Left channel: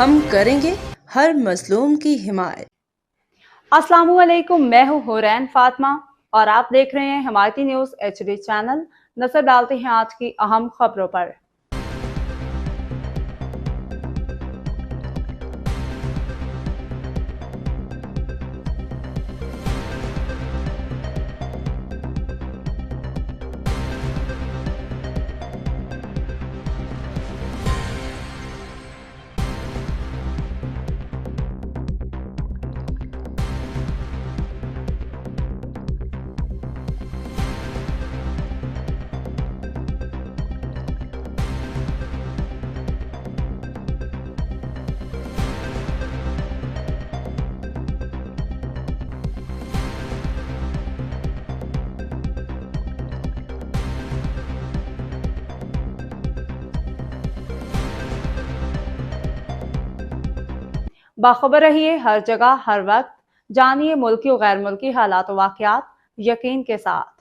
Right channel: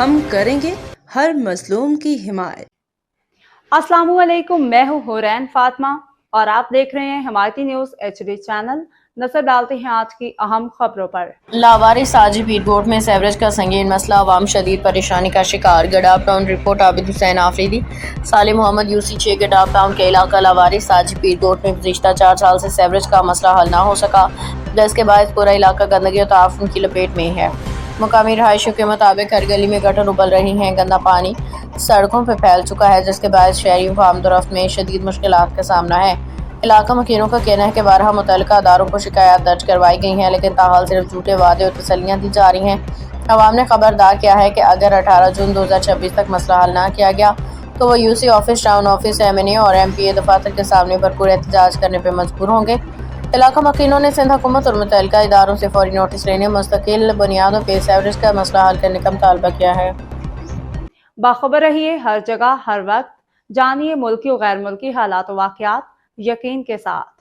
ہم کریں گے ہر مظلوم کی حمایت۔ السلام علیکم، میں ہوں حورین فاطمہ اور آپ دیکھ رہے ہیں حمایتی نیوز HD چینل۔ نظر ڈالتے ہیں آج کی اہم خبروں پر۔ لاوارث ساجی پیرکوٹ میں سیوریج کا سنگین مسئلہ، عوام شدید پریشانی کا شکار۔ گڈاف ٹاؤن رپورٹ عابد حسین آفریدی۔ صالح محمد UC 6 گڈاف ٹاؤن کے علاقہ لاوارث ساجی پیرکوٹ میں گزشتہ 4 سال سے سیوریج کا مسئلہ حل نہ ہو سکا، جس کے باعث پورا علاقہ گندگی اور تعفن کی لپیٹ میں ہے۔ مقامی رہائشیوں کے مطابق ہر گلی میں گٹر ابل رہی ہیں، گندا پانی سڑکوں پہ پھیل چکا ہے، جس کے باعث شہریوں کو آمد و رفت میں شدید مشکلات کا سامنا ہے۔ علاقہ مکینوں کا کہنا ہے کہ بارہا متعلقہ اداروں کو شکایات درج کروائی گئی ہیں، لیکن تاحال صرف جھوٹے وعدے اور تسلیاں دی جا رہی ہیں۔ عوام نے خبردار کیا ہے کہ اگر 18 جون 2026 تک مسئلہ حل نہ کیا گیا تو وہ UC office, town office, MNA اور MPA دفاتر کے سامنے بھرپور احتجاج کرنے پہ مجبور ہوں گے۔ علاقہ مکینوں نے سندھ حکومت اور متعلقہ اداروں سے فوری نوٹس لینے، مستقل بنیادوں پہ سیوریج کا مسئلہ حل کرنے کا مطالبہ کیا ہے۔ باخبر رہیے ہر جگہ ہر وقت، جانیے ملکی و غیر ملکی حالات و واقعات یقین کے ساتھ۔